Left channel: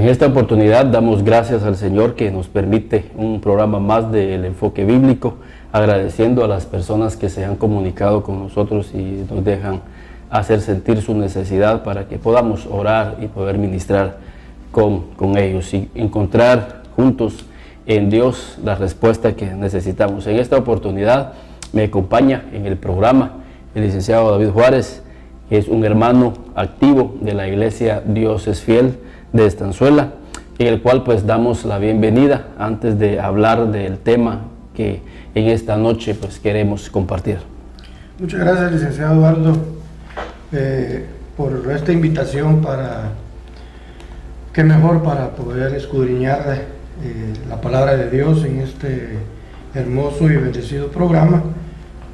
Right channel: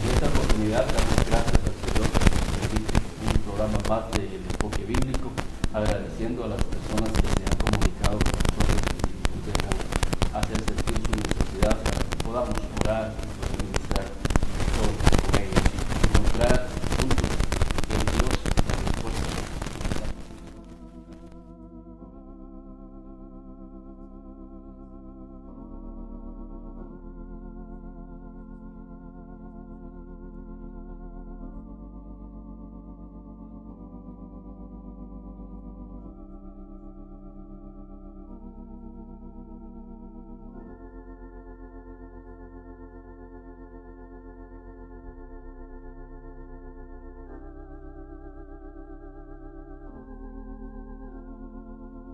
En esta oportunidad damos gracias al Señor que nos permite un programa más del enfoque bíblico, agradeciendo a las personas que se han comunicado con nosotros y nos dejan hacer sentir su necesidad para que podamos orar y poder ministrar con ellos y encontrar juntos en Dios la respuesta que necesitamos. En esta oportunidad me acompaña en el programa el licenciado David Juárez, que es un hermano activo de la iglesia Dios es Fiel de Estanzuela, en el cual pues damos la bienvenida antes de hablar del tema que en esta noche pues queremos compartir. Muchas gracias, licenciado Eduardo, por esta invitación qué mejor para poder escudriñar la palabra de Dios en este hermoso y bendecido programa,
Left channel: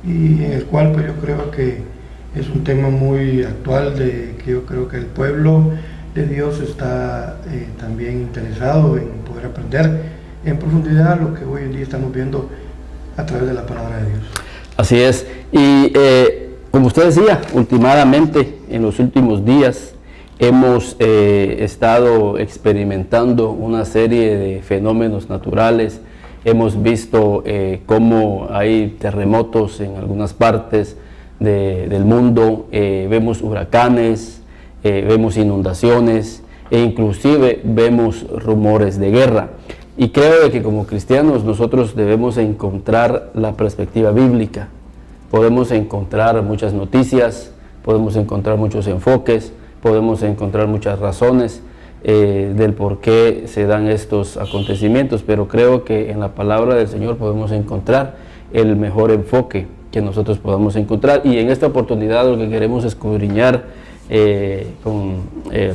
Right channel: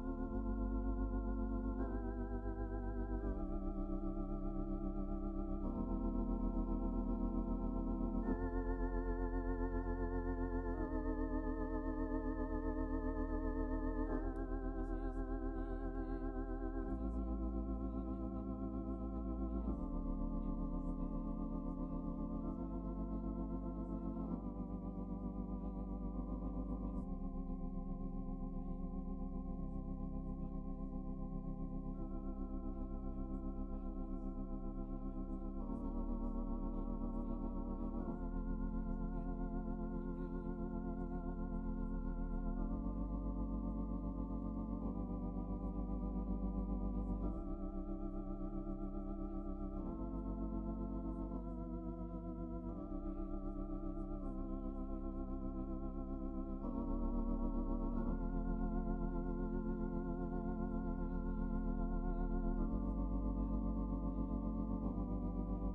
y en el cual pues yo creo que es un tema muy actual que yo creo que el pueblo de Dios está también interesado en poder aprender en profundidad lo que hoy en día estamos viendo a través de la palabra de Dios. Así es, y como usted decía, últimamente en los últimos días hemos estado experimentando una serie de fenómenos naturales. Hemos visto cómo hay terremotos en algunas partes del mundo, vemos huracanes, vemos inundaciones e inclusive vemos rumores de guerra. Y creo que como cristianos nosotros debemos encontrar la perspectiva bíblica. Podemos encontrar muchas noticias, podemos encontrar muchos enfoques, podemos encontrar muchas razones del por qué se dan estos acontecimientos, pero creo que en la palabra del Señor podemos encontrar el mejor enfoque que nosotros podamos encontrar. Y en esta oportunidad lo que queremos escudriñar con el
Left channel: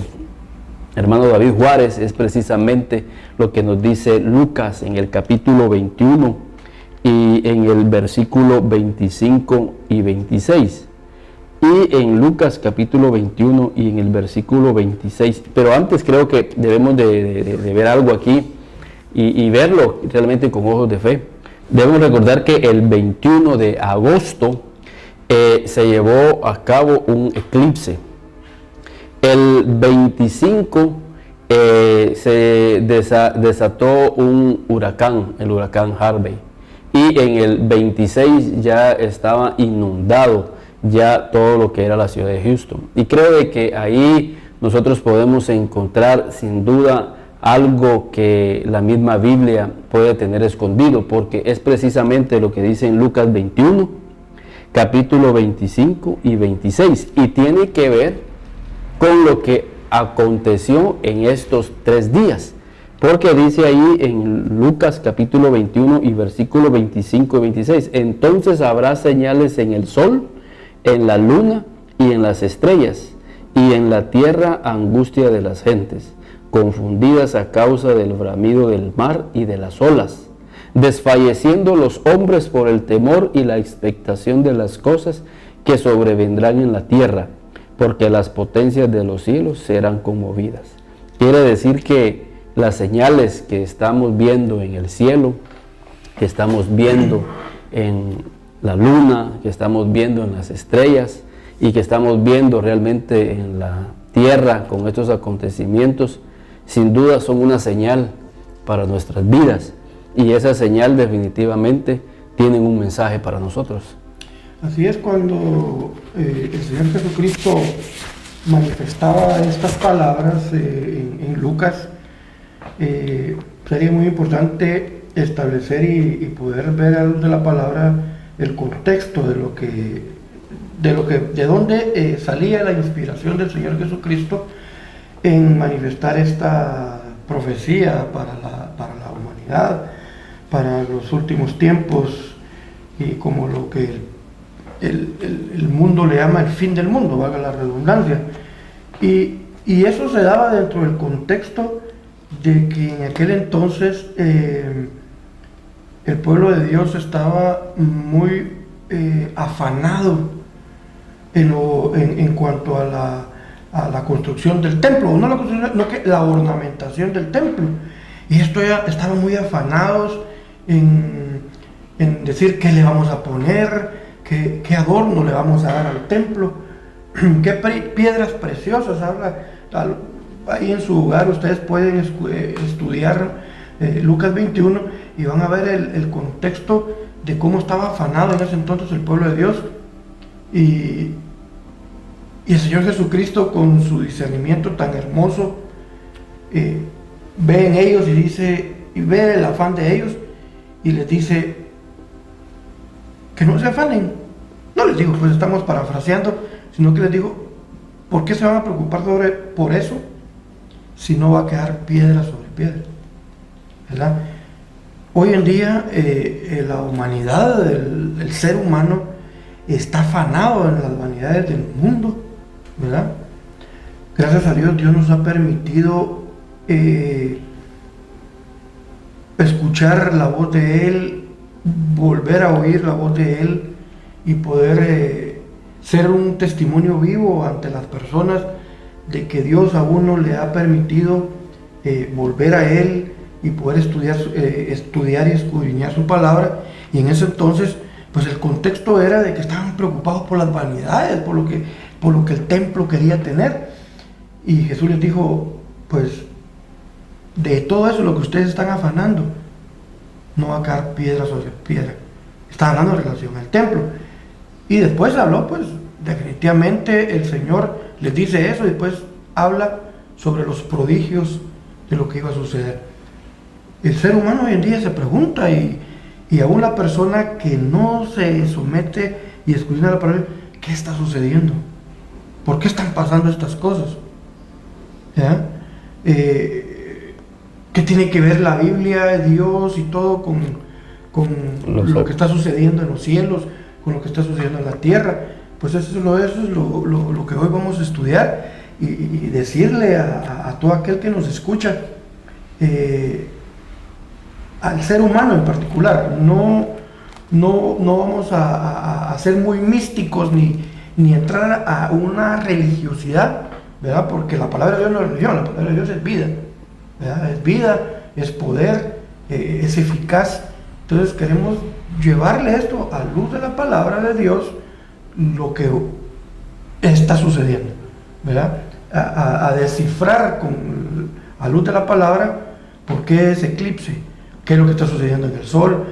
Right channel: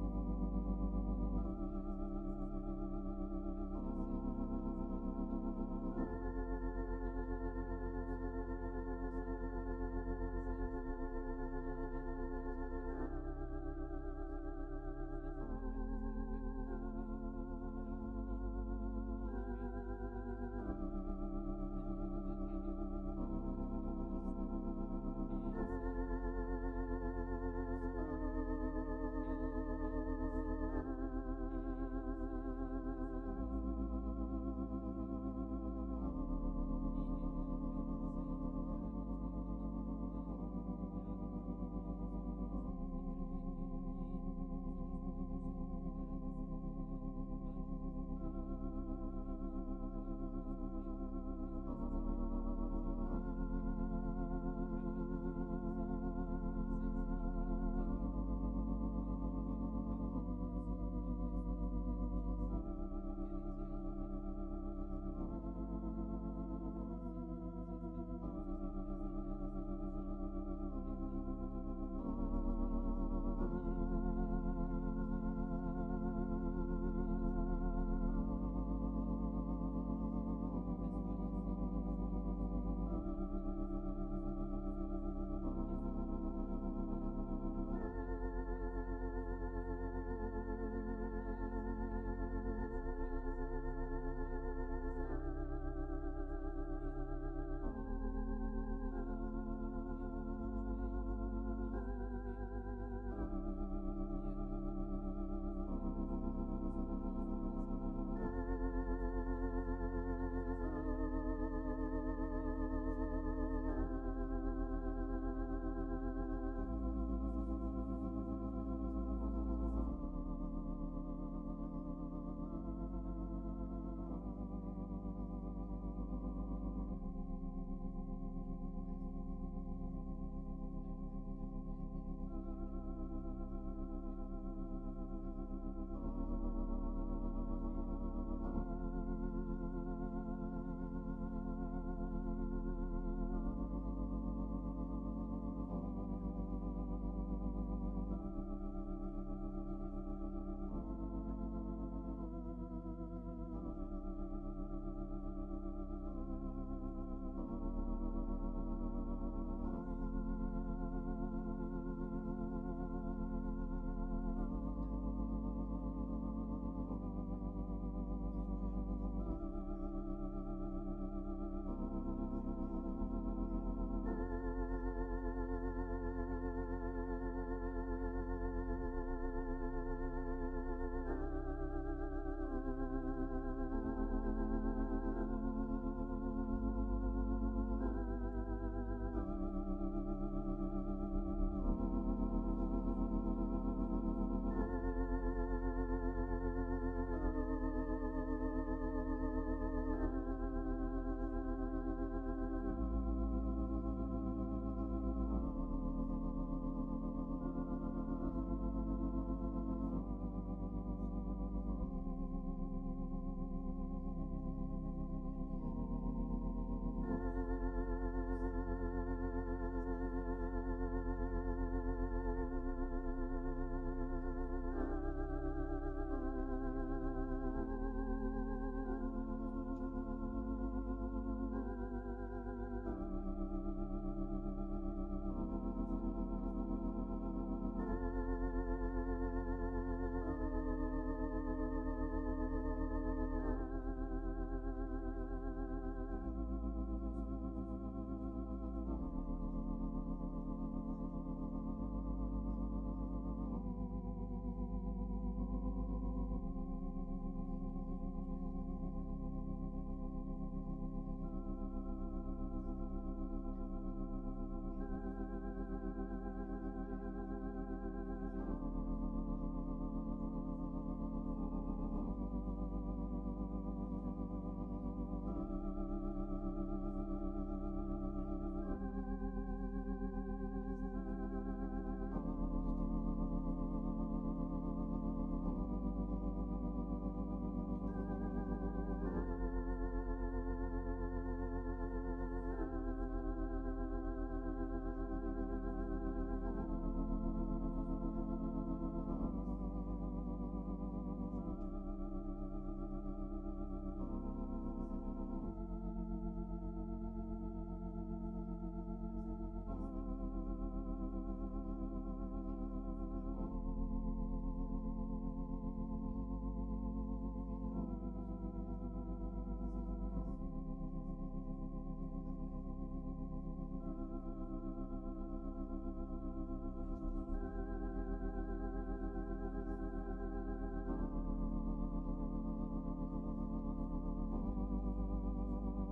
hermano David Juárez es precisamente lo que nos dice Lucas en el capítulo 21 y en el versículo 25 y 26. Y en Lucas capítulo 21 y en el versículo 26. Pero antes creo que debemos de ver algo aquí y verlo realmente con ojos de fe. Debemos recordar que el 21 de agosto se llevó a cabo un eclipse. El 25 se desató un huracán, el huracán Harvey. Y en el 26 ya estaba inundado ya todo lo que era la ciudad de Houston. Y creo de que ahí nosotros podemos encontrar sin duda algo que la misma Biblia puede tener escondido, porque es precisamente lo que dice en Lucas 21, capítulo 25 y 26, y tiene que ver con lo que aconteció en estos 3 días, porque dice ahí en Lucas capítulo 21 y versículo 25 y 26, entonces habrá señales en el sol, en la luna y en las estrellas, y en la tierra angustia de las gentes, confundidas a causa del bramido del mar y de las olas, desfalleciendo los hombres por el temor y la expectación de las cosas que sobrevendrán en la tierra, porque las potencias de los cielos serán conmovidas. Quiere decir que las señales que estamos viendo en el cielo, que estamos viendo en la luna, que estamos viendo en las estrellas y que estamos viendo realmente en la tierra con estos acontecimientos, sin duda son una señal para nuestras vidas, y esa señal definitivamente tiene un mensaje para nosotros. Así es, cuando el Señor Jesucristo manifestaba estas palabras en Lucas, sería muy importante establecer y poder ver a luz de la palabra el contexto de dónde salía la inspiración del Señor Jesucristo en manifestar esta profecía para la humanidad, para los últimos tiempos, y como lo que el mundo le llama el fin del mundo, valga la redundancia. Y eso se daba dentro del contexto de que en aquel entonces el pueblo de Dios estaba muy afanado en cuanto a la construcción del templo, no la construcción, no que la ornamentación del templo. Y esto ya estaban muy afanados en decir qué le vamos a poner, qué adorno le vamos a dar al templo, qué piedras preciosas. ahí en su hogar ustedes pueden estudiar Lucas 21 y van a ver el contexto de cómo estaba afanado en ese entonces el pueblo de Dios. Y el Señor Jesucristo, con su discernimiento tan hermoso, ve en ellos y dice, y ve el afán de ellos y les dice que no se afanen. No les digo, pues estamos parafraseando, sino que les digo, ¿por qué se van a preocupar por eso si no va a quedar piedra sobre piedra? ¿Verdad? Hoy en día la humanidad, el ser humano está afanado en las vanidades del mundo, ¿verdad? Gracias a Dios, Dios nos ha permitido escuchar la voz de Él, volver a oír la voz de Él y poder ser un testimonio vivo ante las personas de que Dios a uno le ha permitido volver a Él y poder estudiar y escudriñar su palabra. Y en ese entonces, pues el contexto era de que estaban preocupados por las vanidades, por lo que el templo quería tener. Y Jesús les dijo, pues de todo eso, lo que ustedes están afanando, no va a caer piedra sobre piedra. Está hablando en relación al templo. Y después habló, pues definitivamente el Señor les dice eso y después habla sobre los prodigios de lo que iba a suceder. El ser humano hoy en día se pregunta y aún la persona que no se somete y escudriña la palabra, ¿qué está sucediendo? ¿Por qué están pasando estas cosas? ¿Ya? ¿Qué tiene que ver la Biblia, Dios y todo con lo que está sucediendo en los cielos, con lo que está sucediendo en la tierra? Pues eso es lo que hoy vamos a estudiar y decirle a todo aquel que nos escucha, al ser humano en particular, no vamos a ser muy místicos ni entrar a una religiosidad, ¿verdad? Porque la palabra de Dios no es religión, la palabra de Dios es vida, ¿verdad? Es vida, es poder, es eficaz. Entonces queremos llevarle esto a luz de la palabra de Dios, lo que está sucediendo, ¿verdad? A descifrar a luz de la palabra por qué ese eclipse, qué es lo que está sucediendo en el sol,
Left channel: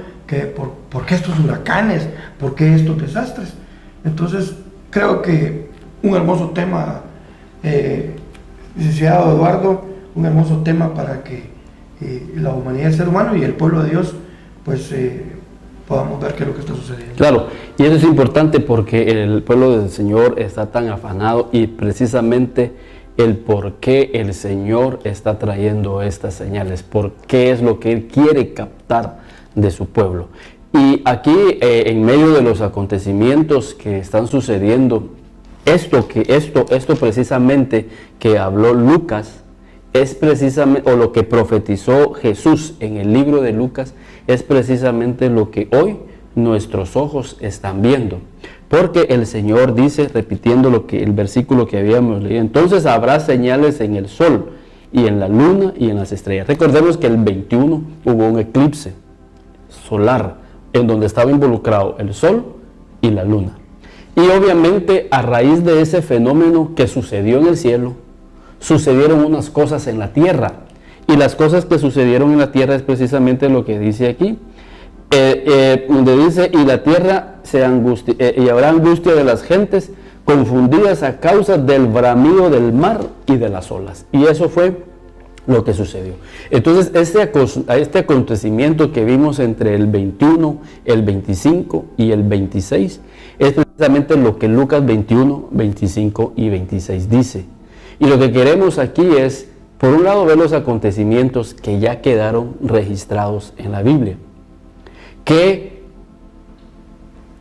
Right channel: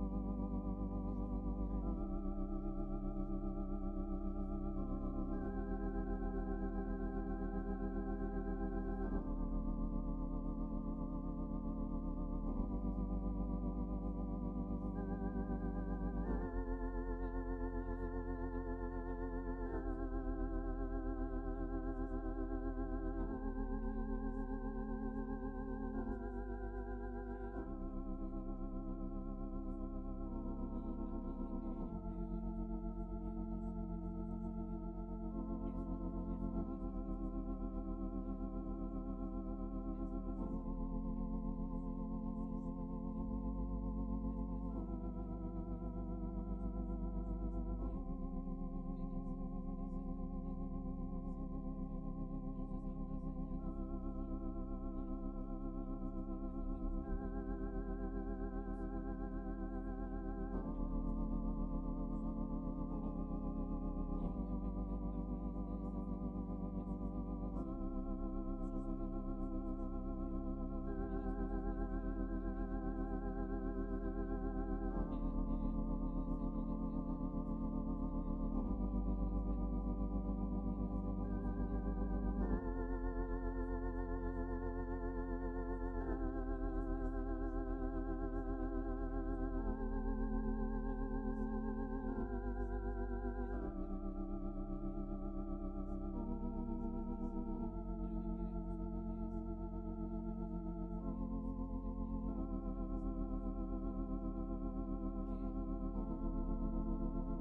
por qué estos huracanes, por qué estos desastres. Entonces creo que un hermoso tema, licenciado Eduardo, un hermoso tema para que la humanidad, el ser humano y el pueblo de Dios, pues podamos ver qué es lo que está sucediendo. Claro, y eso es importante porque el pueblo del Señor está tan afanado y precisamente el por qué el Señor está trayendo estas señales, por qué es lo que Él quiere captar de su pueblo. Y aquí, en medio de los acontecimientos que están sucediendo, esto precisamente que habló Lucas, es precisamente, o lo que profetizó Jesús en el libro de Lucas, es precisamente lo que hoy nuestros ojos están viendo. Porque el Señor dice, repitiendo el versículo que habíamos leído, entonces habrá señales en el sol y en la luna y en las estrellas. Recordemos que el 21 hubo un eclipse solar en donde estaba involucrado el sol y la luna. Y obviamente a raíz de ese fenómeno que sucedió en el cielo, sucedieron unas cosas en la tierra. Y las cosas que sucedieron en la tierra es precisamente lo que dice aquí. Donde dice, y la tierra y habrá angustia de las gentes confundidas a causa del bramido del mar y de las olas. Y eso fue lo que sucedió. Entonces este acontecimiento que vimos entre el 21, el 25 y el 26 es precisamente lo que Lucas 21, 25 y 26 dice. Y lo que queremos aquí es, por un lado, ver los acontecimientos que ya quedaron registrados en la Biblia, que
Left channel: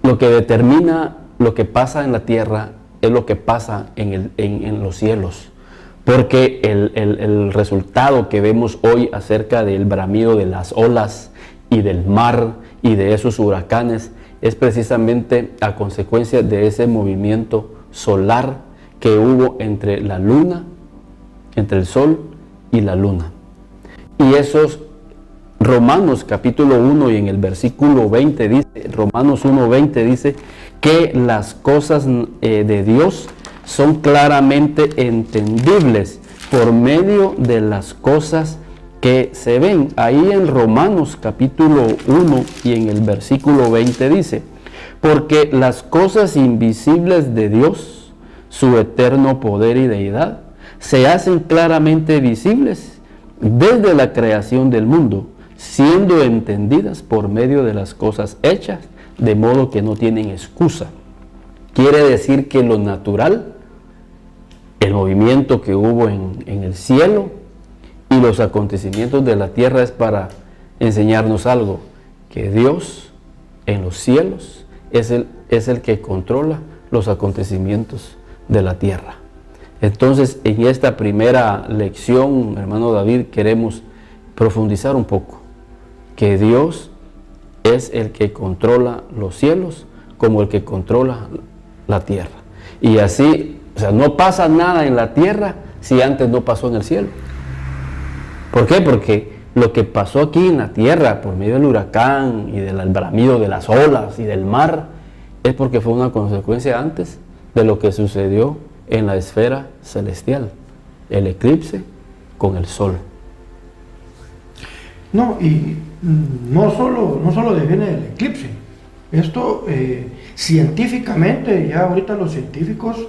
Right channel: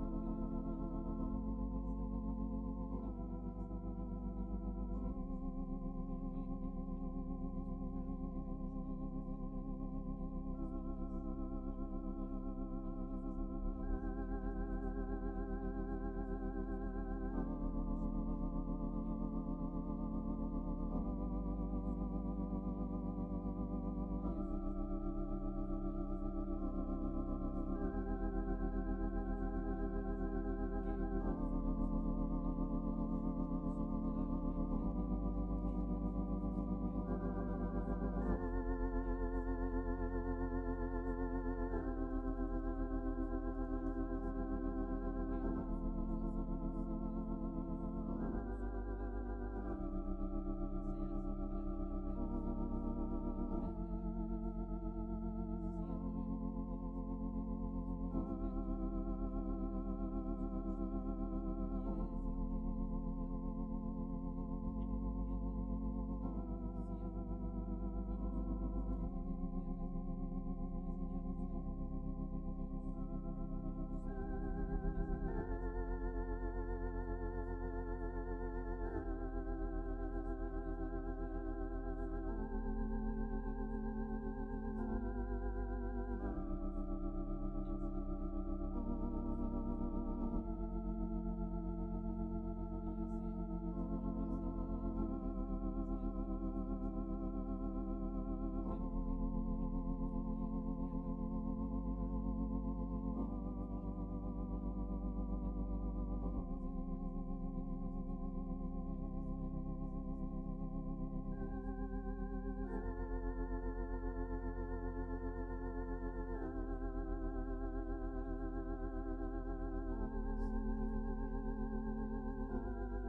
lo que determina lo que pasa en la tierra es lo que pasa en los cielos, porque el resultado que vemos hoy acerca del bramido de las olas y del mar y de esos huracanes es precisamente a consecuencia de ese movimiento solar que hubo entre la luna, entre el sol y la luna. Y esos Romanos capítulo 1 y en el versículo 20 dice, Romanos 1:20 dice que las cosas de Dios son claramente entendibles por medio de las cosas que se ven. Ahí en Romanos capítulo 1 y en el versículo 20 dice: porque las cosas invisibles de Dios, su eterno poder y deidad, se hacen claramente visibles desde la creación del mundo, siendo entendidas por medio de las cosas hechas, de modo que no tienen excusa. Quiere decir que lo natural, el movimiento que hubo en el cielo y los acontecimientos de la tierra, es para enseñarnos algo: que Dios en los cielos es el que controla los acontecimientos de la tierra. Entonces, en esta primera lección, hermano David, queremos profundizar un poco que Dios es el que controla los cielos como el que controla la tierra. Y así, o sea, no pasa nada en la tierra si antes no pasó en el cielo. ¿Por qué? Porque lo que pasó aquí en la tierra por medio del huracán y del bramido de las olas y del mar es porque fue una consecuencia antes de lo que sucedió en la esfera celestial, el eclipse con el sol. No, y no solo deviene del eclipse. Esto científicamente, ya ahorita los científicos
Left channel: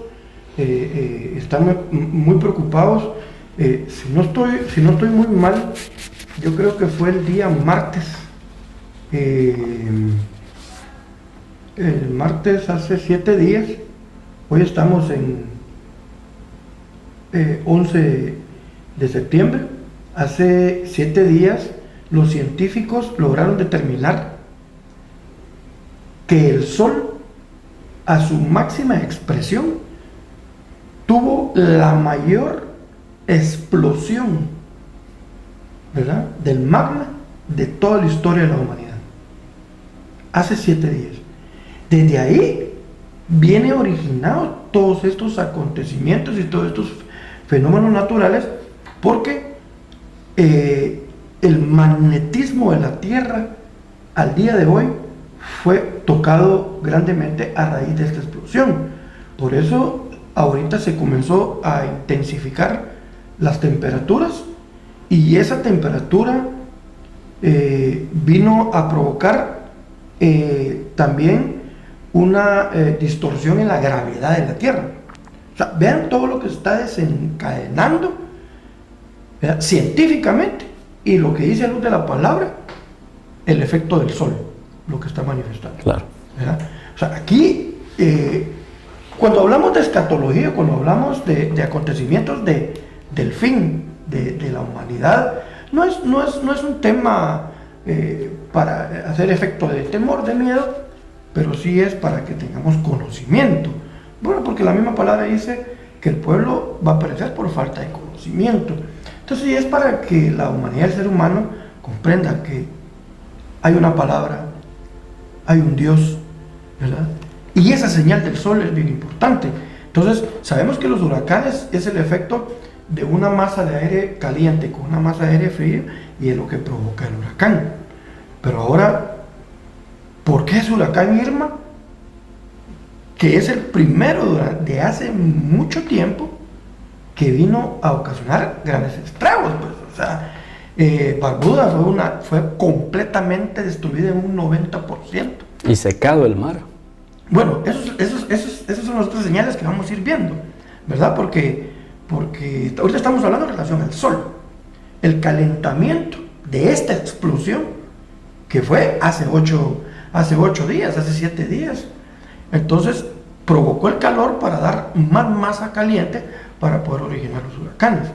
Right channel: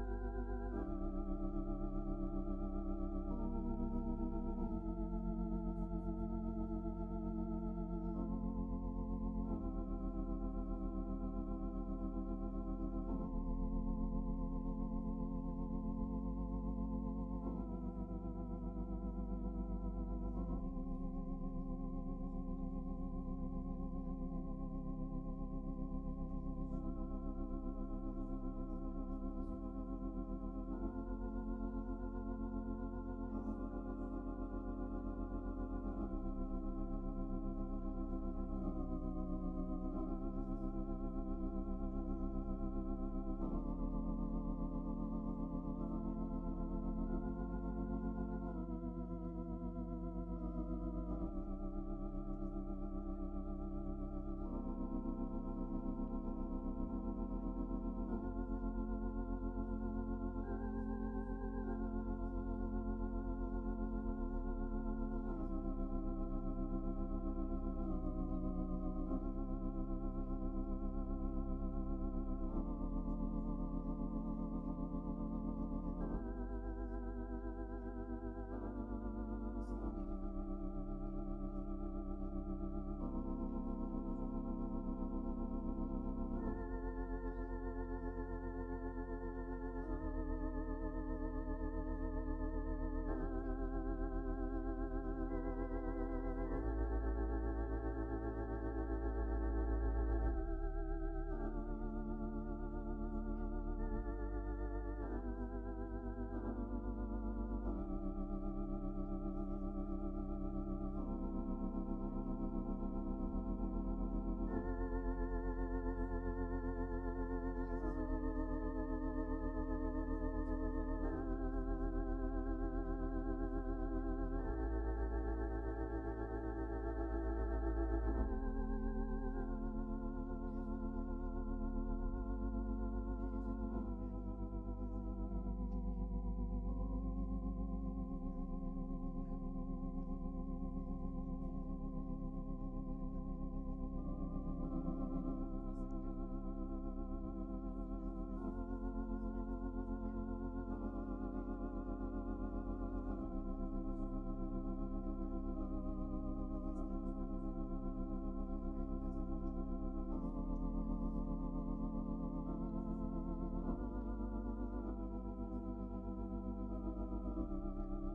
están muy preocupados. Si no estoy muy mal, yo creo que fue el día martes. El martes hace 7 días. Hoy estamos en 11 de septiembre. Hace 7 días los científicos lograron determinar que el Sol, a su máxima expresión, tuvo la mayor explosión, ¿verdad?, del magma de toda la historia de la humanidad. Hace 7 días. Desde ahí viene originado todos estos acontecimientos y todos estos fenómenos naturales, porque el magnetismo de la Tierra al día de hoy fue tocado grandemente a raíz de esta explosión. Por eso ahorita se comenzó a intensificar las temperaturas, y esa temperatura vino a provocar también una distorsión en la gravedad de la Tierra. O sea, vean todo lo que se está desencadenando, ¿verdad?, científicamente, y lo que dice a luz de la palabra, el efecto del Sol, lo que está manifestando. Claro. ¿Verdad? O sea, aquí, cuando hablamos de escatología, cuando hablamos de acontecimientos del fin de la humanidad, no es un tema para hacer efecto de temor, de miedo, pero sí es para que tengamos conocimiento. Bueno, porque la misma palabra dice que el pueblo va a perecer por falta de conocimiento. Entonces, sí es para que la humanidad, el ser humano, comprenda que hay una palabra, hay un Dios, ¿verdad? Y esa señal del sol es bien importante. Entonces, sabemos que los huracanes es el efecto de una masa de aire caliente con una masa de aire frío, y es lo que provoca el huracán. Pero ahora, ¿por qué es huracán Irma? Que es el primero de hace mucho tiempo que vino a ocasionar grandes estragos, pues. O sea, Barbuda fue completamente destruida en un 90%. Y secado el mar. Bueno, esas son las otras señales que vamos a ir viendo, ¿verdad? Porque ahorita estamos hablando en relación al Sol. El calentamiento de esta explosión, que fue hace 8 días, hace 7 días, entonces provocó el calor para dar más masa caliente para poder originar los huracanes,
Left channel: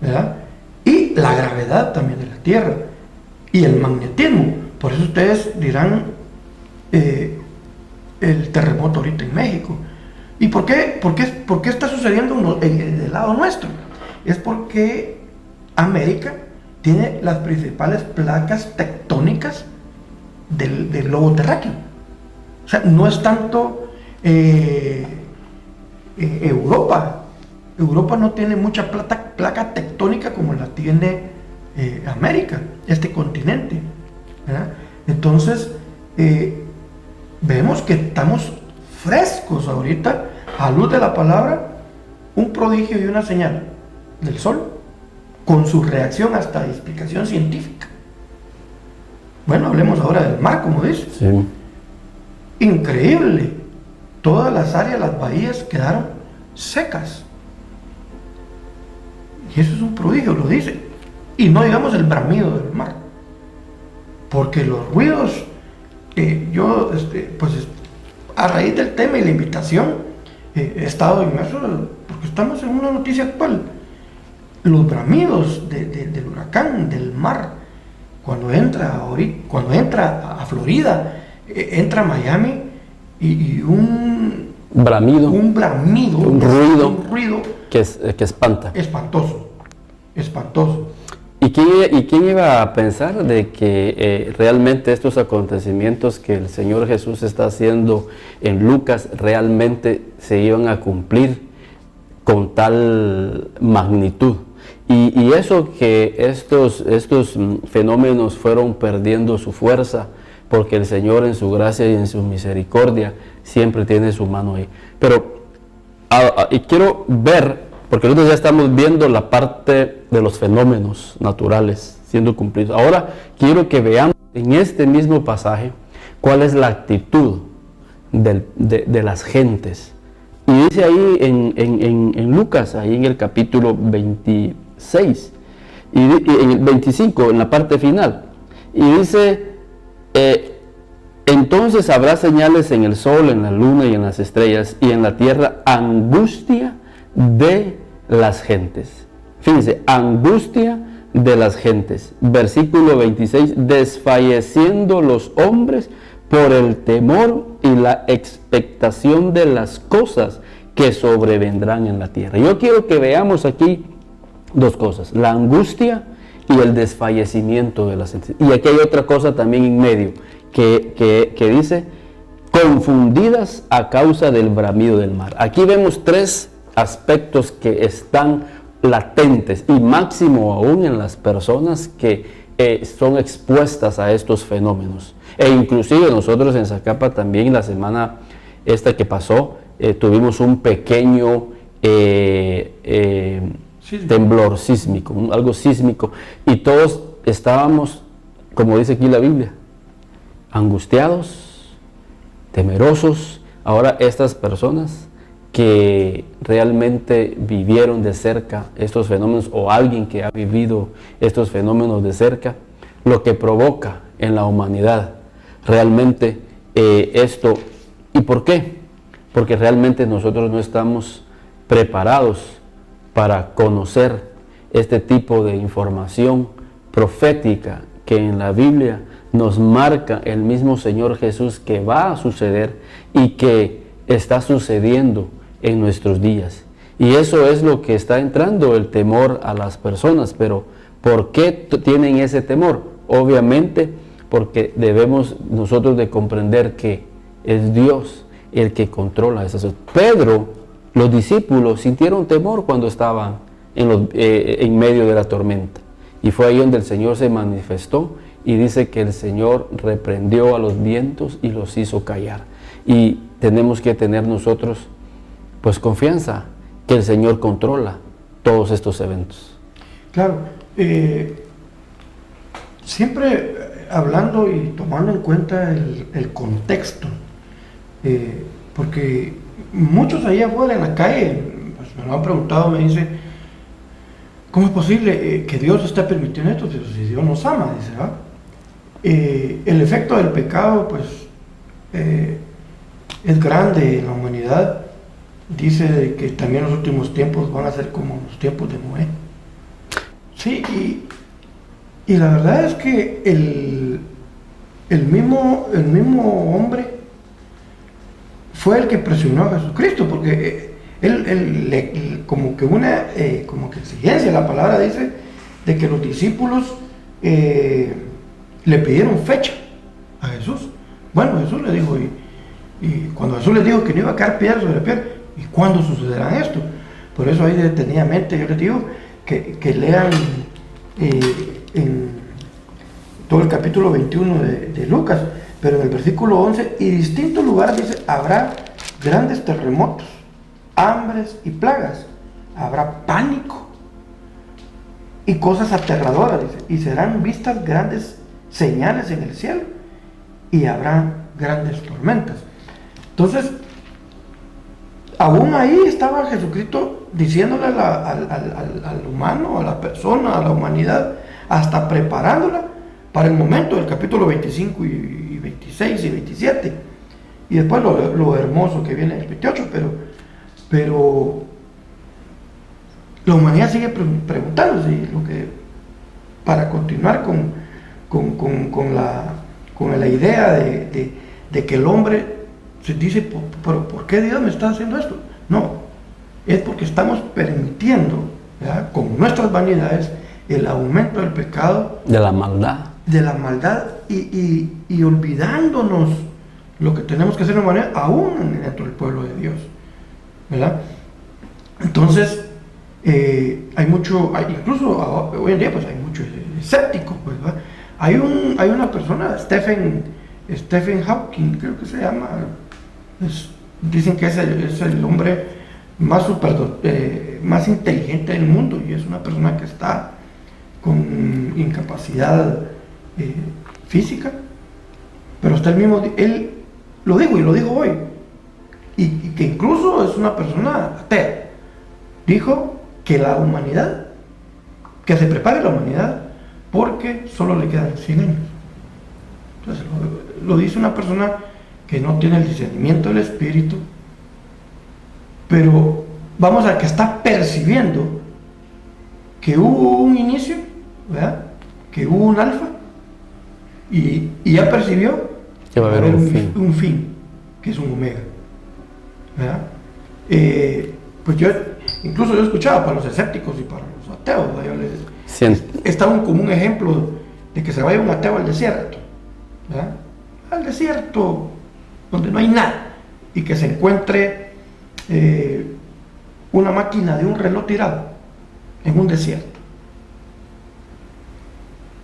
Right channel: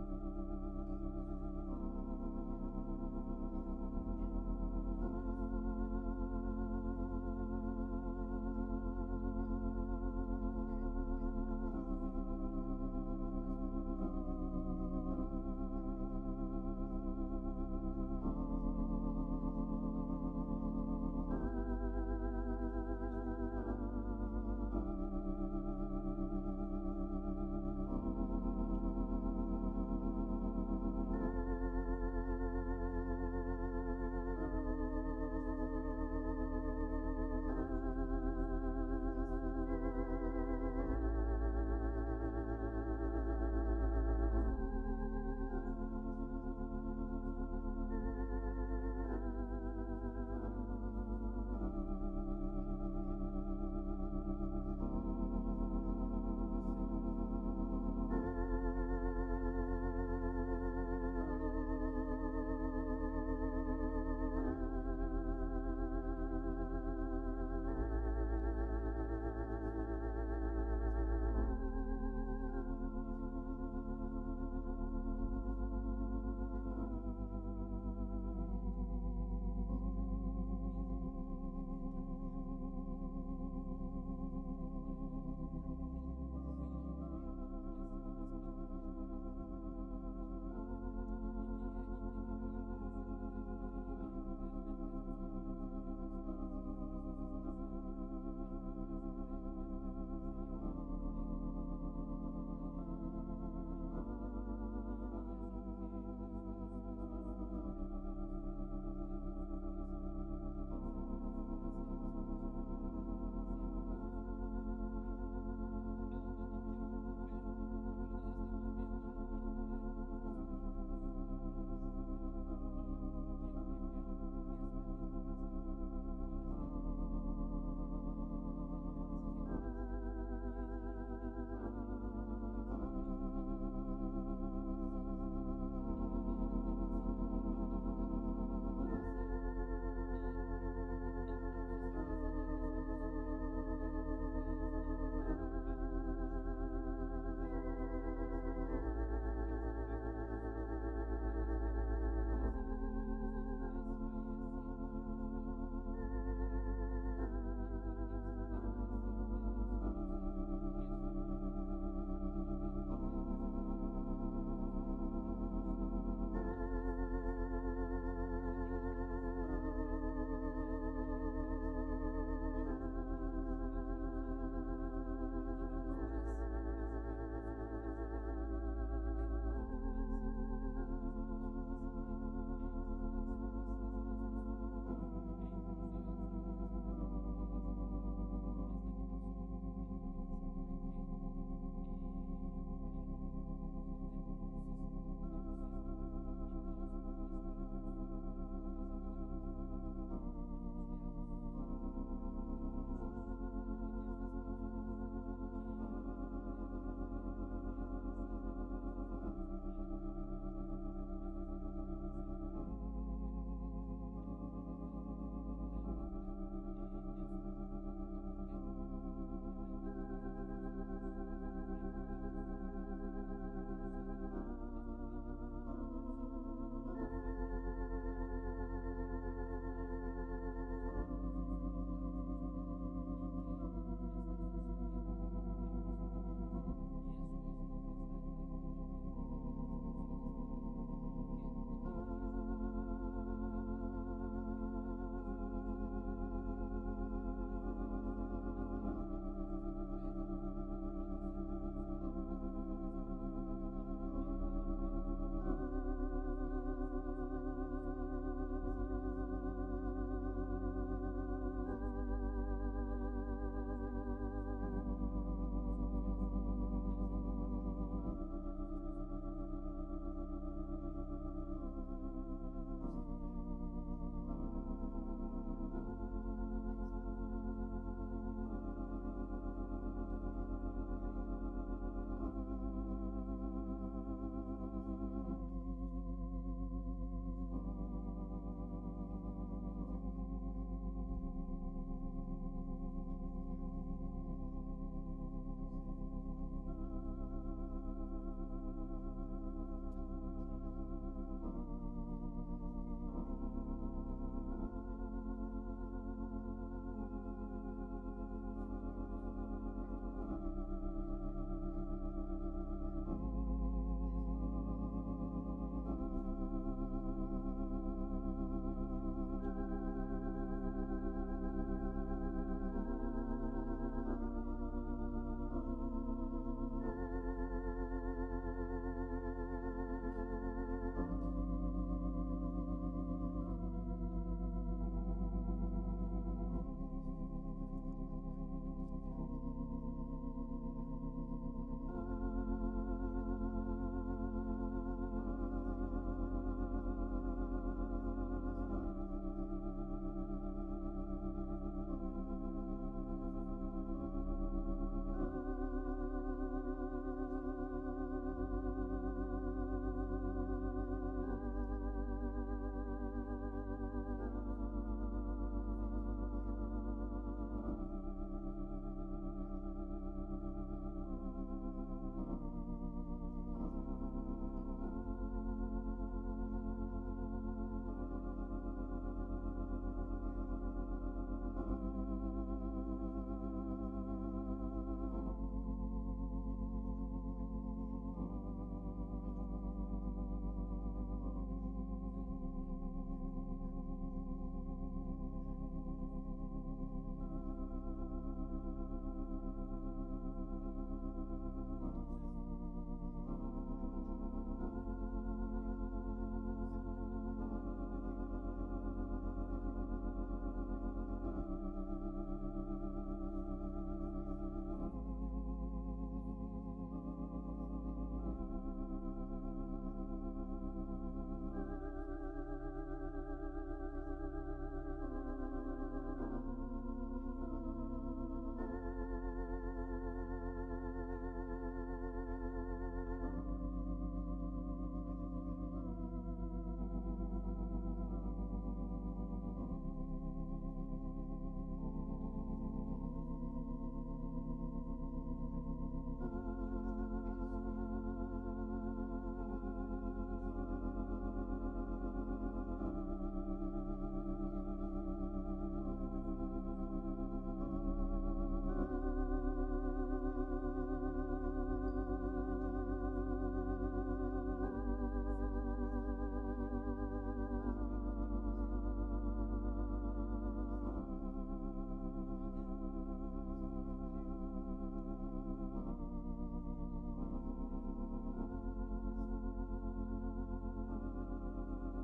¿verdad? Y la gravedad también de la Tierra y el magnetismo. Por eso ustedes dirán el terremoto ahorita en México. ¿Y por qué está sucediendo del lado nuestro? Es porque América tiene las principales placas tectónicas del globo terráqueo. O sea, no es tanto Europa. Europa no tiene mucha placa tectónica como la tiene América, este continente, ¿verdad? Entonces, vemos que estamos frescos ahorita, a luz de la palabra, un prodigio y una señal. del Sol, con su reacción hasta explicación científica. Bueno, hablemos ahora del mar, como dice. Sí. Increíble. Todas las áreas, las bahías quedaron secas. Y eso es un prodigio, lo dice. Y no digamos el bramido del mar. Porque los ruidos, pues a raíz del tema y la invitación, he estado inmerso, porque estamos en una noticia actual. Los bramidos del huracán, del mar, cuando entra a Florida, entra a Miami, y un Bramido. un bramido, Un ruido que que espanta. espantoso. ¿Y quién iba a pensar de que realmente estos acontecimientos que el Señor Jesús está haciendo en Lucas realmente se iban a cumplir con tal magnitud? Y eso que estos fenómenos fueron perdiendo su fuerza, porque el Señor en su gracia y en su misericordia siempre tiene su mano ahí. Pero y quiero ver, porque nosotros ya estamos viendo la parte de los fenómenos naturales siendo cumplidos. Ahora quiero que veamos en este mismo pasaje cuál es la actitud de las gentes. Y dice ahí en Lucas, ahí en el capítulo 26, y en el 25, en la parte final, y dice, entonces habrá señales en el sol, en la luna y en las estrellas, y en la tierra angustia de las gentes. Fíjense, angustia de las gentes. Versículo 26, desfalleciendo los hombres por el temor y la expectación de las cosas que sobrevendrán en la tierra. Yo quiero que veamos aquí dos cosas, la angustia y el desfallecimiento de las gentes. Y aquí hay otra cosa también en medio, que dice, confundidas a causa del bramido del mar. Aquí vemos tres aspectos que están latentes y máximo aún en las personas que son expuestas a estos fenómenos. E inclusive nosotros en Zacapa también la semana esta que pasó tuvimos un pequeño temblor sísmico, algo sísmico, y todos estábamos, como dice aquí la Biblia, angustiados, temerosos. Ahora estas personas que realmente vivieron de cerca estos fenómenos, o alguien que ha vivido estos fenómenos de cerca, lo que provoca en la humanidad realmente esto. ¿Y por qué? Porque realmente nosotros no estamos preparados para conocer este tipo de información profética que en la Biblia nos marca el mismo Señor Jesús que va a suceder y que está sucediendo en nuestros días. Y eso es lo que está entrando el temor a las personas. Pero ¿por qué tienen ese temor? Obviamente porque debemos nosotros de comprender que es Dios el que controla esas cosas. Pedro, los discípulos sintieron temor cuando estaban en medio de la tormenta. Y fue ahí donde el Señor se manifestó y dice que el Señor reprendió a los vientos y los hizo callar. Y tenemos que tener nosotros pues confianza que el Señor controla todos estos eventos. Claro, siempre hablando y tomando en cuenta el contexto, porque muchos allá afuera en la calle pues, me lo han preguntado, me dicen, ¿cómo es posible que Dios esté permitiendo esto si Dios nos ama? Dice, ¿verdad? El efecto del pecado pues es grande en la humanidad. Dice que también los últimos tiempos van a ser como los tiempos de Noé. Sí, y la verdad es que el mismo hombre fue el que presionó a Jesucristo, porque él como que exigencia, la palabra dice, de que los discípulos le pidieron fecha a Jesús. Bueno, Jesús le dijo, y cuando Jesús les dijo que no iba a caer piedra sobre piedra, ¿y cuándo sucederá esto? Por eso ahí detenidamente yo les digo que lean en todo el capítulo 21 de Lucas, pero en el versículo 11, y distintos lugares dice, habrá grandes terremotos, hambres y plagas, habrá pánico y cosas aterradoras, dice, y serán vistas grandes señales en el cielo y habrá grandes tormentas. Entonces, aún ahí estaba Jesucristo diciéndole al humano, a la persona, a la humanidad, hasta preparándola para el momento del capítulo 25 y 26 y 27. Y después lo hermoso que viene en el 28, pero la humanidad sigue preguntándose, para continuar con la idea de que el hombre se dice, ¿por qué Dios me está haciendo esto? No, es porque estamos permitiendo, ¿verdad?, con nuestras vanidades, el aumento del pecado, de la maldad, y olvidándonos lo que tenemos que hacer de manera aún dentro del pueblo de Dios, ¿verdad? Entonces, incluso hoy en día pues hay mucho escéptico, pues, ¿verdad? Hay una persona, Stephen Hawking, creo que se llama, dicen que es el hombre más inteligente del mundo, y es una persona que está con incapacidad física, pero está él lo dijo y lo dijo hoy, y que incluso es una persona atea. Dijo que se prepare la humanidad porque solo le quedan 100 años. Entonces, lo dice una persona que no tiene el discernimiento del espíritu, pero vamos a que está percibiendo que hubo un inicio, ¿verdad?, que hubo un alfa, y ya percibió que va a haber un fin, que es un omega, ¿verdad? Pues yo escuchaba para los escépticos y para los ateos, está como un ejemplo de que se vaya un ateo al desierto, ¿verdad?, al desierto donde no hay nada, y que se encuentre una máquina de un reloj tirado en un desierto.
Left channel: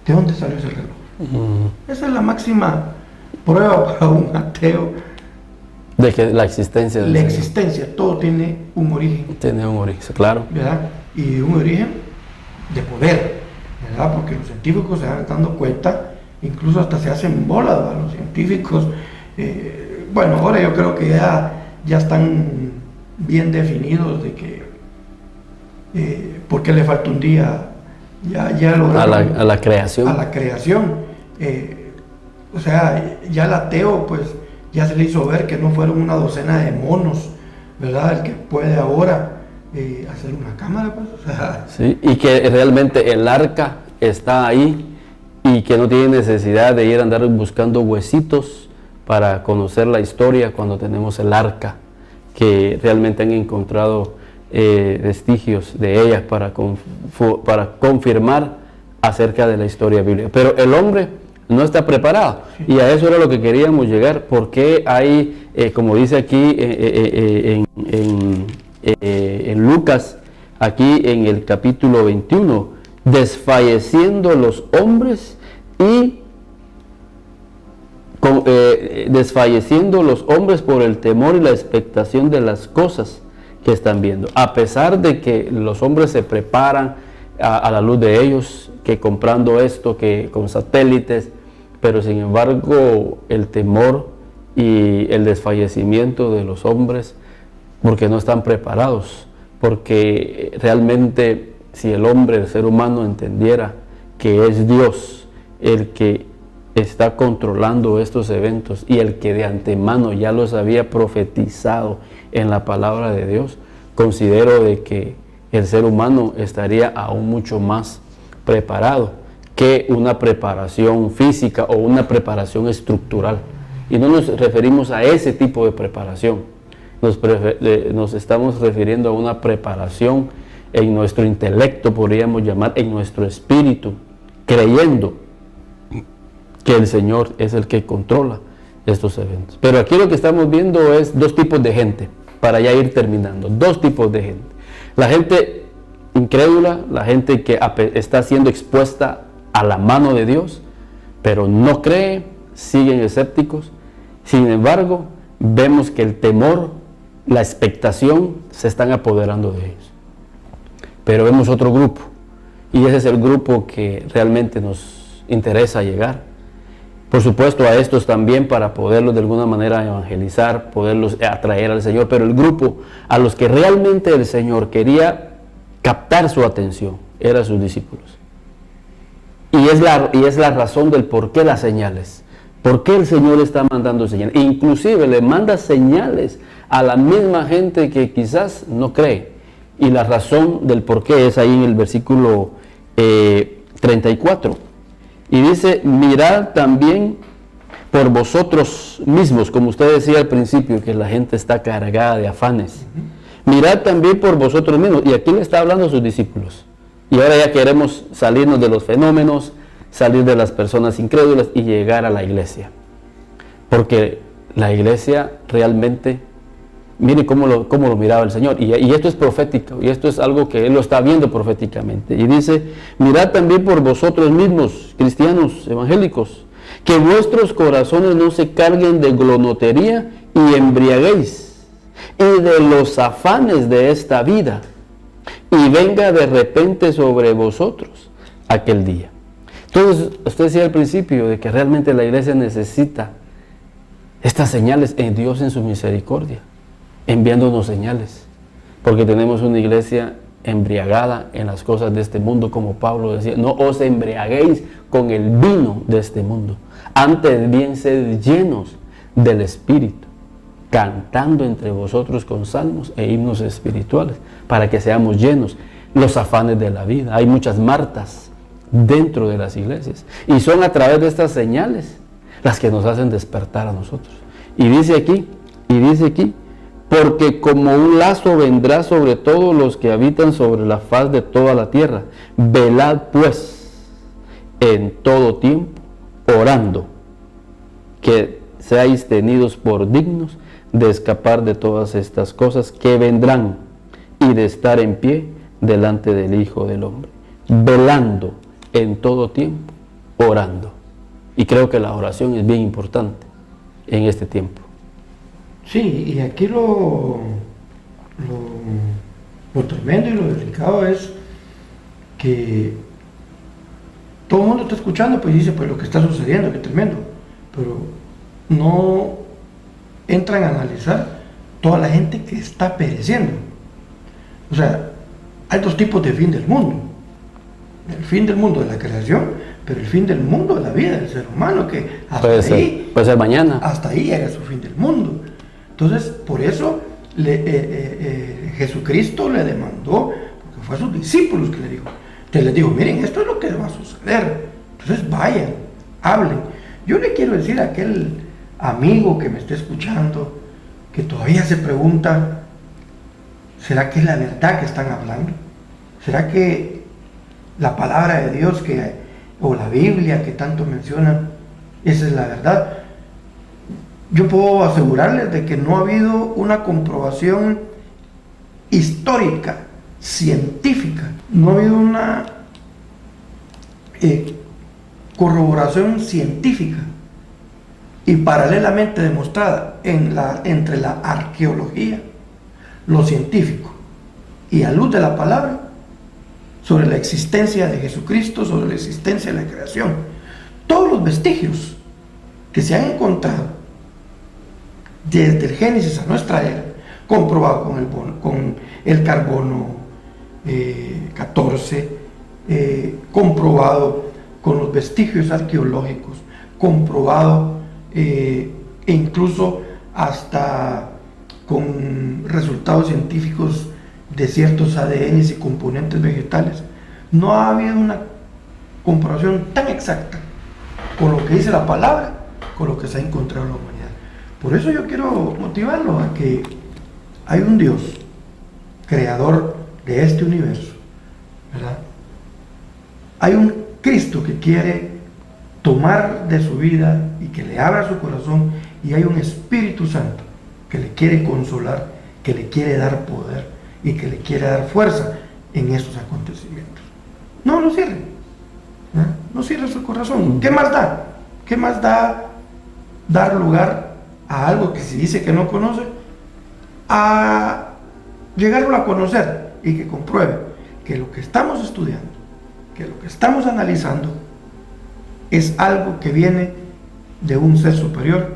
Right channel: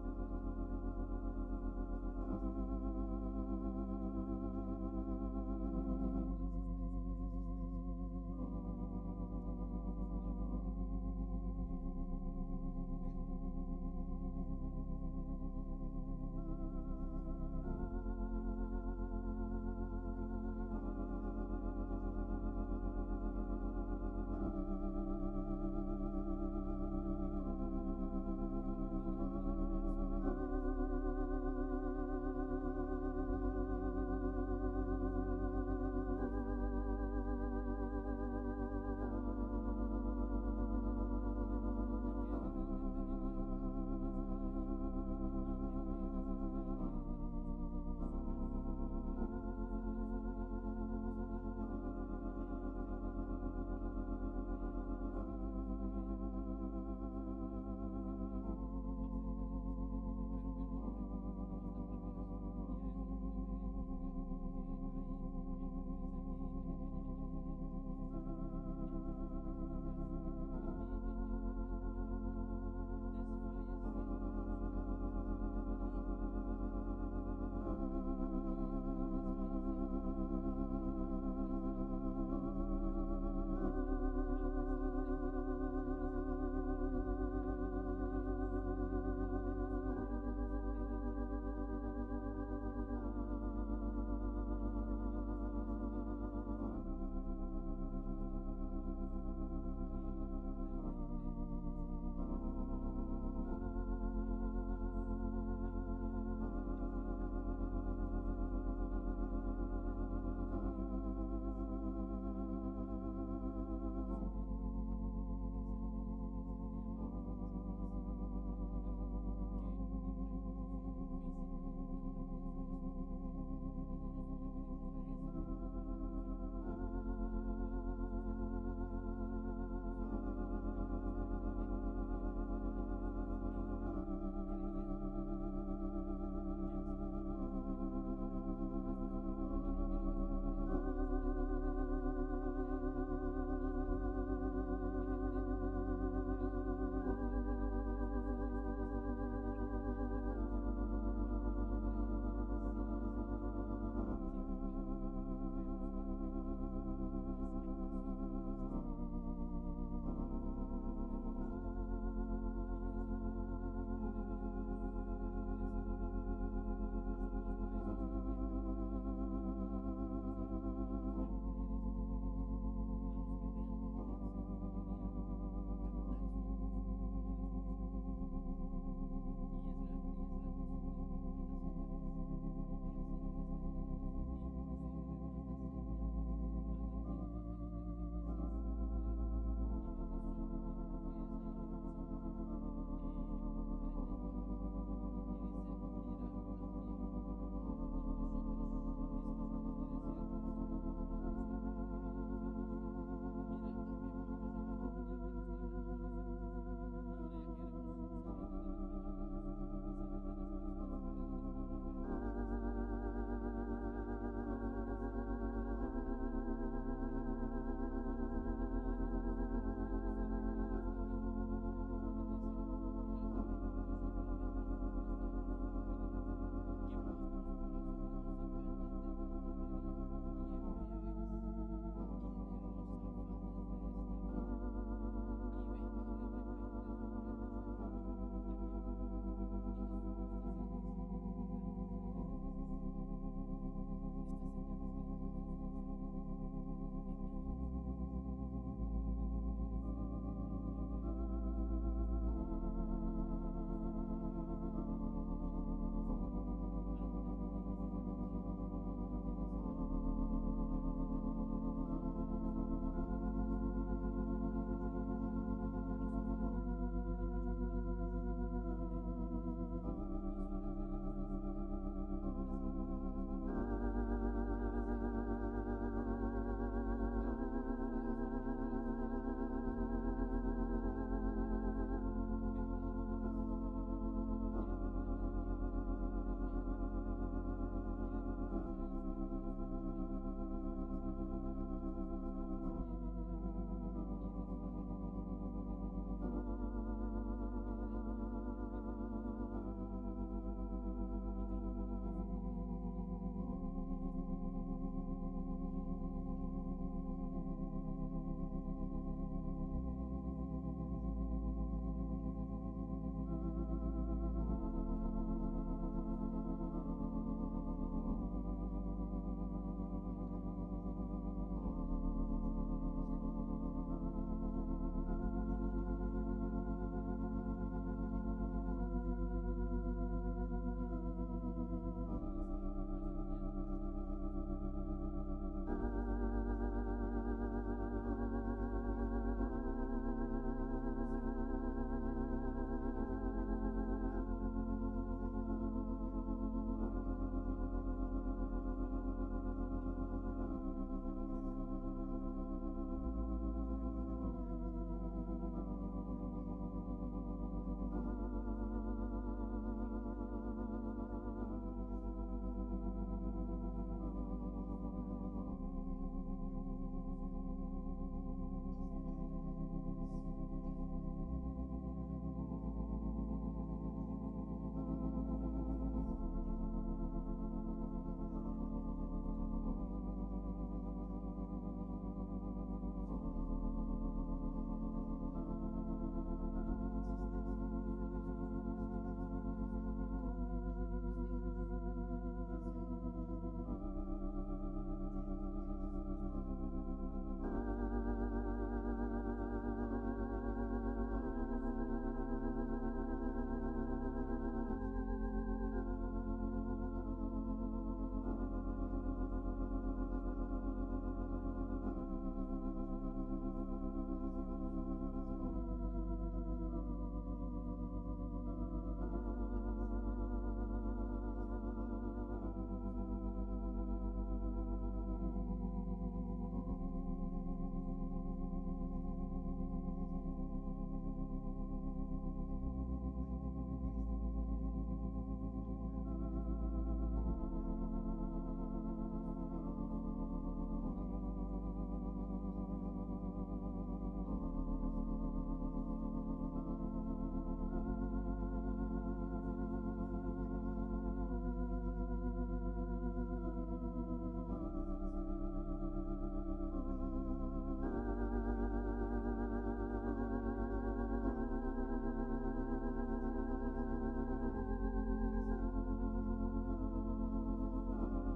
¿De dónde salió ese reloj? Esa es la máxima prueba para un ateo de que la existencia del Señor. Señor. Todo tiene un origen. Tiene un origen, claro. ¿Verdad? Y un origen de poder, ¿verdad? Porque los científicos se van dando cuenta, incluso hasta se hacen bolas a los científicos. Bueno, ahora yo creo que ya están bien definidos de que porque le falta un día, ya lograron a la creación. A la creación. O sea, ya el ateo, pues, ya se le hizo ver que no fueron una docena de monos, ¿verdad?, el que puede ahora hacer una cámara, pues, o sea. Sí, y que realmente el arca está ahí y que no tiene necesidad de ir a andar buscando huesitos para conocer la historia cuando tenemos el arca, que realmente han encontrado vestigios de ella para confirmar acerca de la historia bíblica. Pero el hombre no está preparado, y a eso era lo que queríamos llegar, porque hay, como dice aquí en Lucas, aquí en el capítulo 21, desfalleciendo los hombres desfalleciendo los hombres por el temor y la expectación de las cosas que están viendo. A pesar de que los hombres se preparan a la luz de ellos, que comprando esto, que con satélites, pero sin embargo el temor y el desfallecimiento de los hombres, porque no están preparados, porque realmente si el hombre, el ser humano, entendiera que es Dios el que está controlando estos eventos y el que de antemano ya los había profetizado en la palabra de Dios, considero de que el ser humano estaría aún mucho más preparado que una preparación física o una preparación estructural. Y no nos referimos a ese tipo de preparación, nos estamos refiriendo a una preparación en nuestro intelecto, podríamos llamar, en nuestro espíritu, creyendo que el Señor es el que controla estos eventos. Pero aquí lo que estamos viendo es dos tipos de gente, para ya ir terminando, dos tipos de gente. La gente incrédula, la gente que está siendo expuesta a la mano de Dios, pero no cree, siguen escépticos. Sin embargo, vemos que el temor, la expectación se están apoderando de ellos. Pero vemos otro grupo Y ese es el grupo que realmente nos interesa llegar. Por supuesto a estos también para poderlos de alguna manera evangelizar, poderlos atraer al Señor, pero el grupo a los que realmente el Señor quería captar su atención eran sus discípulos. Y es la razón del por qué las señales. ¿Por qué el Señor está mandando señales? Inclusive le manda señales a la misma gente que quizás no cree. Y la razón del por qué es ahí en el versículo 34. Y dice, mirad también por vosotros mismos, como usted decía al principio, que la gente está cargada de afanes. Mirad también por vosotros mismos. Y aquí le está hablando a sus discípulos. Y ahora ya queremos salirnos de los fenómenos, salir de las personas incrédulas y llegar a la iglesia. Porque la iglesia realmente, mire cómo lo miraba el Señor. Y esto es profético, y esto es algo que Él lo está viendo proféticamente. Y dice, mirad también por vosotros mismos, cristianos evangélicos, que vuestros corazones no se carguen de glotonería y embriaguez, y de los afanes de esta vida, y venga de repente sobre vosotros aquel día. Entonces, usted decía al principio de que realmente la iglesia necesita estas señales en Dios en su misericordia, enviándonos señales, porque tenemos una iglesia embriagada en las cosas de este mundo, como Pablo decía, no os embriaguéis con el vino de este mundo, antes bien sed llenos del Espíritu, cantando entre vosotros con salmos e himnos espirituales, para que seamos llenos. Los afanes de la vida, hay muchas Martas dentro de las iglesias, y son a través de estas señales las que nos hacen despertar a nosotros. Y dice aquí, porque como un lazo vendrá sobre todos los que habitan sobre la faz de toda la tierra. Velad pues en todo tiempo, orando, que seáis tenidos por dignos de escapar de todas estas cosas que vendrán y de estar en pie delante del Hijo del Hombre. Velando en todo tiempo, orando. Y creo que la oración es bien importante en este tiempo. Sí, y aquí lo tremendo y lo delicado es que todo el mundo está escuchando, pues dice, pues lo que está sucediendo, qué tremendo, pero no entran a analizar toda la gente que está pereciendo. O sea, hay dos tipos de fin del mundo. El fin del mundo de la creación, pero el fin del mundo de la vida del ser humano, que hasta puede ser mañana. Hasta ahí llega su fin del mundo. Entonces, por eso Jesucristo le demandó, porque fue a sus discípulos que le dijo. Entonces les dijo, miren, esto es lo que va a suceder. Entonces vayan, hablen. Yo le quiero decir a aquel amigo que me esté escuchando, que todavía se pregunta, ¿será que es la verdad que están hablando? ¿Será que la palabra de Dios o la Biblia que tanto mencionan, esa es la verdad? Yo puedo asegurarles de que no ha habido una comprobación histórica, científica, no ha habido una corroboración científica y paralelamente demostrada entre la arqueología, lo científico y a luz de la palabra sobre la existencia de Jesucristo, sobre la existencia de la creación. Todos los vestigios que se han encontrado desde el Génesis a nuestra era, comprobado con el carbono 14, comprobado con los vestigios arqueológicos, comprobado e incluso hasta con resultados científicos de ciertos ADNs y componentes vegetales. No ha habido una comprobación tan exacta con lo que dice la palabra, con lo que se ha encontrado en la humanidad. Por eso yo quiero motivarlo a que hay un Dios, creador de este universo, ¿verdad? Hay un Cristo que quiere tomar de su vida y que le abra su corazón, y hay un Espíritu Santo que le quiere consolar, que le quiere dar poder y que le quiere dar fuerza en estos acontecimientos. No lo cierre, ¿verdad? No cierre su corazón. ¿Qué más da? ¿Qué más da dar lugar a algo que se dice que no conoce, a llegarlo a conocer y que compruebe que lo que estamos estudiando que lo que estamos analizando es algo que viene de un ser superior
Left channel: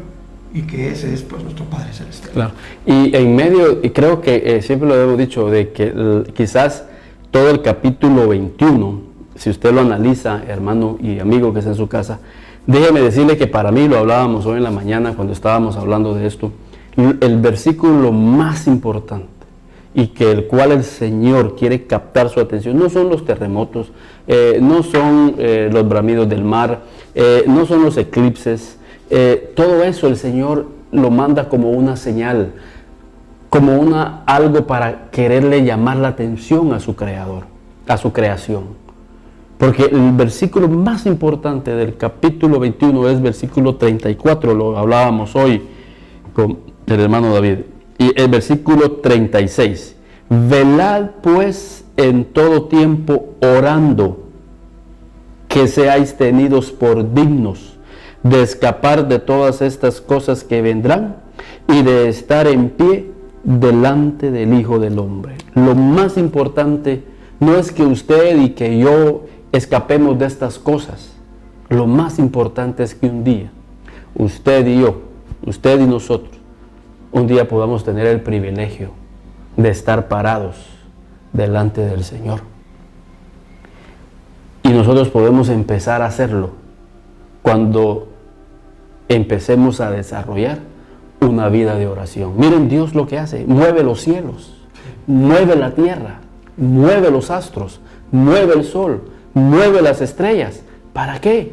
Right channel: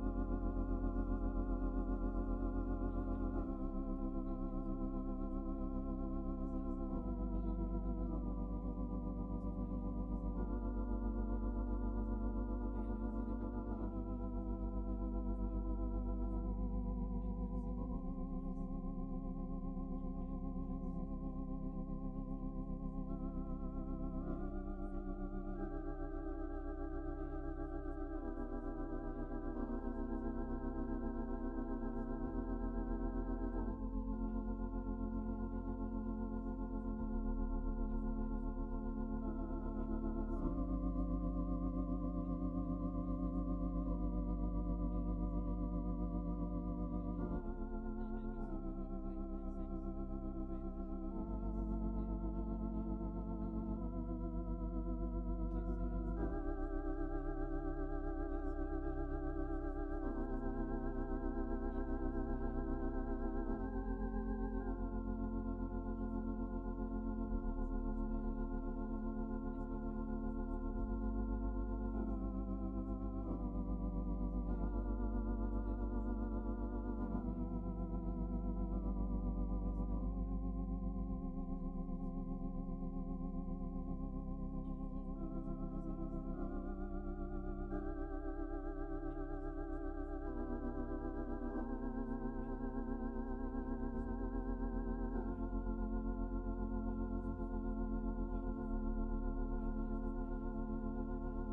y que ese es pues nuestro Padre Celestial. Claro. Y en medio, y creo que siempre lo hemos dicho, de que quizás todo el capítulo 21, si usted lo analiza, hermano y amigo que está en su casa, déjeme decirle que para mí, lo hablábamos hoy en la mañana cuando estábamos hablando de esto, el versículo más importante y que el cual el Señor quiere captar su atención, no son los terremotos, no son los bramidos del mar, no son los eclipses, todo eso el Señor lo manda como una señal, como algo para quererle llamar la atención a su Creador, a su creación. Porque el versículo más importante del capítulo 21 es versículo 34, lo hablábamos hoy con el hermano David, y el versículo 36. Velad pues en todo tiempo orando, que seáis tenidos por dignos de escapar de todas estas cosas que vendrán y de estar en pie delante del Hijo del Hombre. Lo más importante no es que usted y que yo escapemos de estas cosas. Lo más importante es que un día, usted y yo, usted y nosotros, un día podamos tener el privilegio de estar parados delante del Señor. Y nosotros podemos empezar a hacerlo cuando empecemos a desarrollar una vida de oración. Miren Dios lo que hace, mueve los cielos, mueve la tierra, mueve los astros, mueve el sol, mueve las estrellas. ¿Para qué?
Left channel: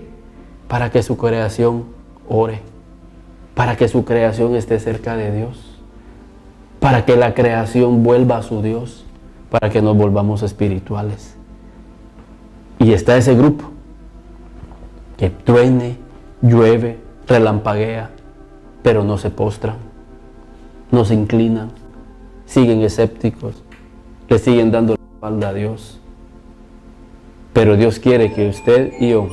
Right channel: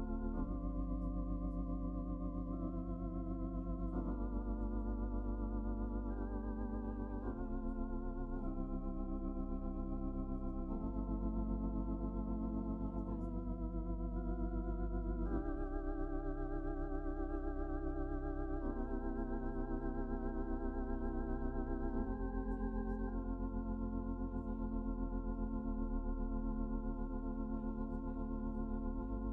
Para que su creación ore, para que su creación esté cerca de Dios, para que la creación vuelva a su Dios, para que nos volvamos espirituales. Y está ese grupo que truene, llueve, relampaguea, pero no se postran, no se inclinan, siguen escépticos, le siguen dando la espalda a Dios. Pero Dios quiere que usted y yo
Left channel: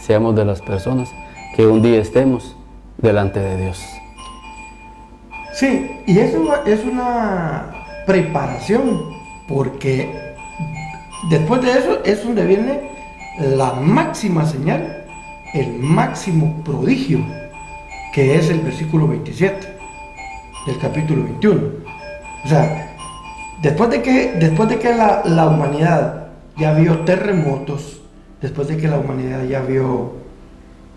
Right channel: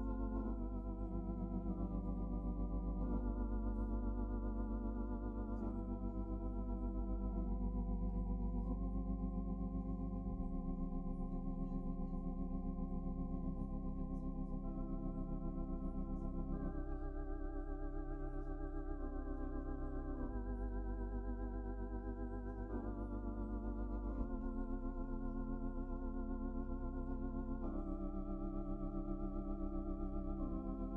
seamos de las personas que un día estemos delante de Dios. Sí, y eso es una preparación, porque después de eso es donde viene la máxima señal, el máximo prodigio, que es el versículo 27 del capítulo 21. O sea, después de que la humanidad ya vio terremotos, después de que la humanidad ya vio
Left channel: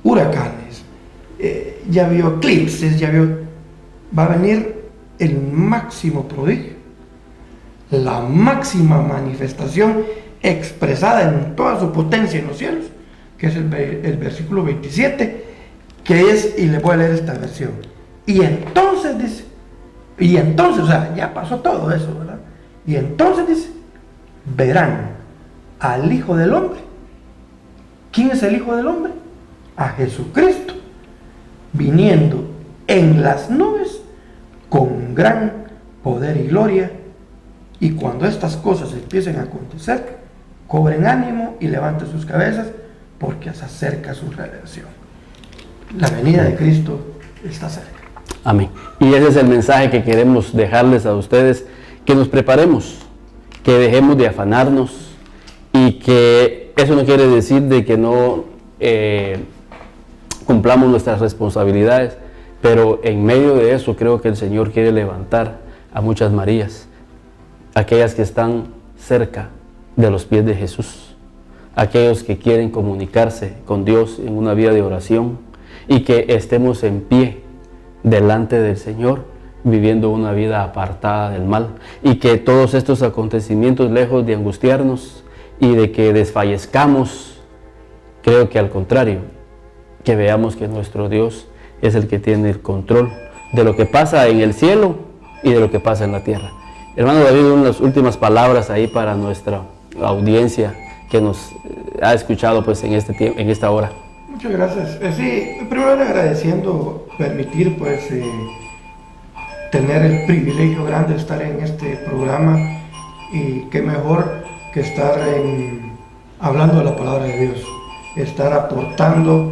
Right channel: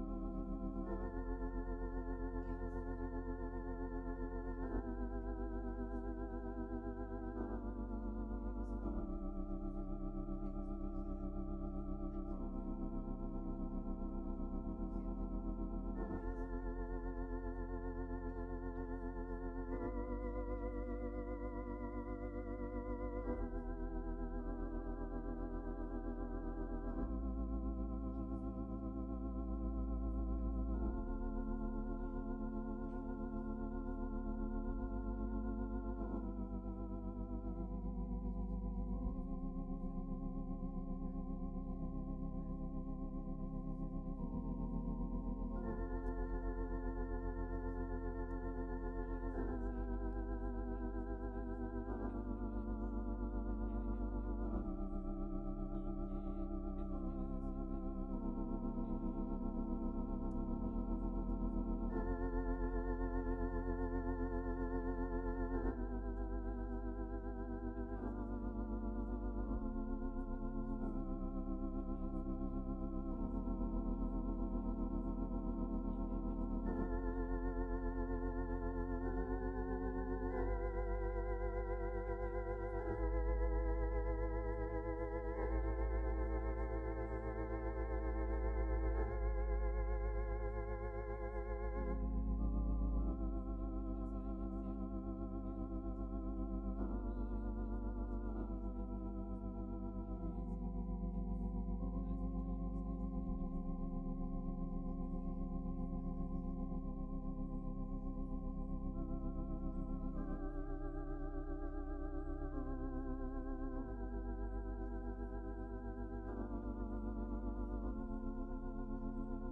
huracanes, ya vio eclipses, va a venir el máximo prodigio, la máxima manifestación expresada en toda su potencia en los cielos, que es el versículo 27, que es, y le voy a leer esta versión. Y entonces dice, o sea, ya pasó todo eso, ¿verdad? Y entonces dice, verán al Hijo del Hombre. ¿Quién es el Hijo del Hombre? A Jesucristo, viniendo en las nubes con gran poder y gloria. Y cuando estas cosas empiecen a acontecer, cobren ánimo y levanten sus cabezas, porque se acerca su redención. La venida de Cristo está cerca. Amén. Y ese es el mensaje que queremos dejarles a ustedes, que nos preparemos, que dejemos de afanarnos, y que eso no quiere decir de que no cumplamos nuestras responsabilidades, pero en medio de eso creo que el Señor quiere levantar a muchas Marías, aquellas que están cerca de los pies de Jesús, aquellos que quieren comunicarse con Dios en una vida de oración, y que estemos en pie delante del Señor, viviendo una vida apartada del mal, y que todos estos acontecimientos, lejos de angustiarnos y de que desfallezcamos, creo que al contrario, que veamos que nuestro Dios es el que tiene el control de lo que pasa en el cielo y de lo que pasa en la tierra. Hermano David, unas últimas palabras ahí para nuestra audiencia que nos ha escuchado pues en esta hora. Muchas gracias. Sí, primero agradeciendo permitir pues tener el privilegio grande de estar en este programa, y qué mejor que estar hablando de la palabra de Dios, estar aportando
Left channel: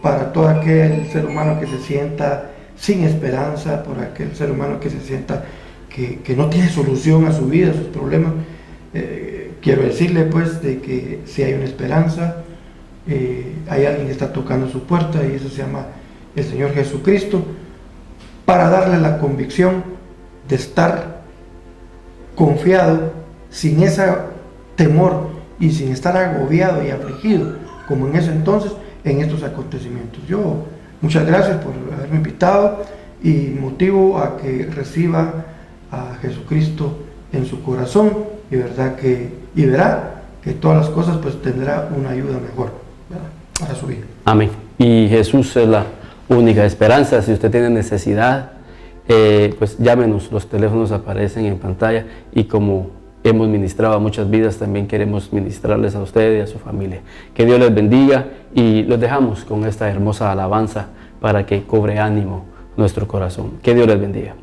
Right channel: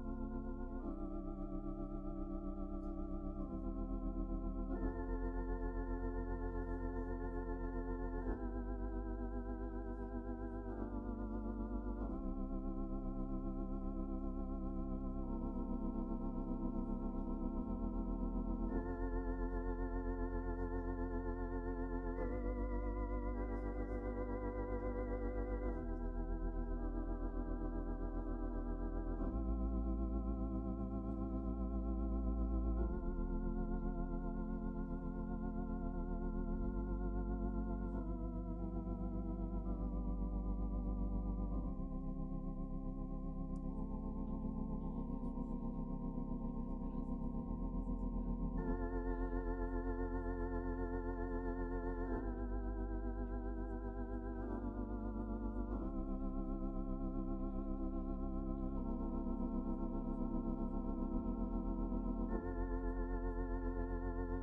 para todo aquel ser humano que se sienta sin esperanza, por aquel ser humano que se sienta que no tiene solución a su vida, a sus problemas, quiero decirle pues de que si hay una esperanza, hay alguien que está tocando su puerta y eso se llama el Señor Jesucristo, para darle la convicción de estar confiado, sin ese temor y sin estar agobiado y afligido como en ese entonces en estos acontecimientos. Yo muchas gracias por haberme invitado y motivo a que reciba a Jesucristo en su corazón y verdad que y verá que todas las cosas pues tendrá una ayuda mejor, ¿verdad?, para su vida. Amén. Y Jesús es la única esperanza. Si usted tiene necesidad, pues llámenos, los teléfonos aparecen en pantalla y como hemos ministrado a muchas vidas, también queremos ministrarles a ustedes y a su familia. Que Dios les bendiga y los dejamos con esta hermosa alabanza para que cobre ánimo nuestro corazón. Que Dios les bendiga.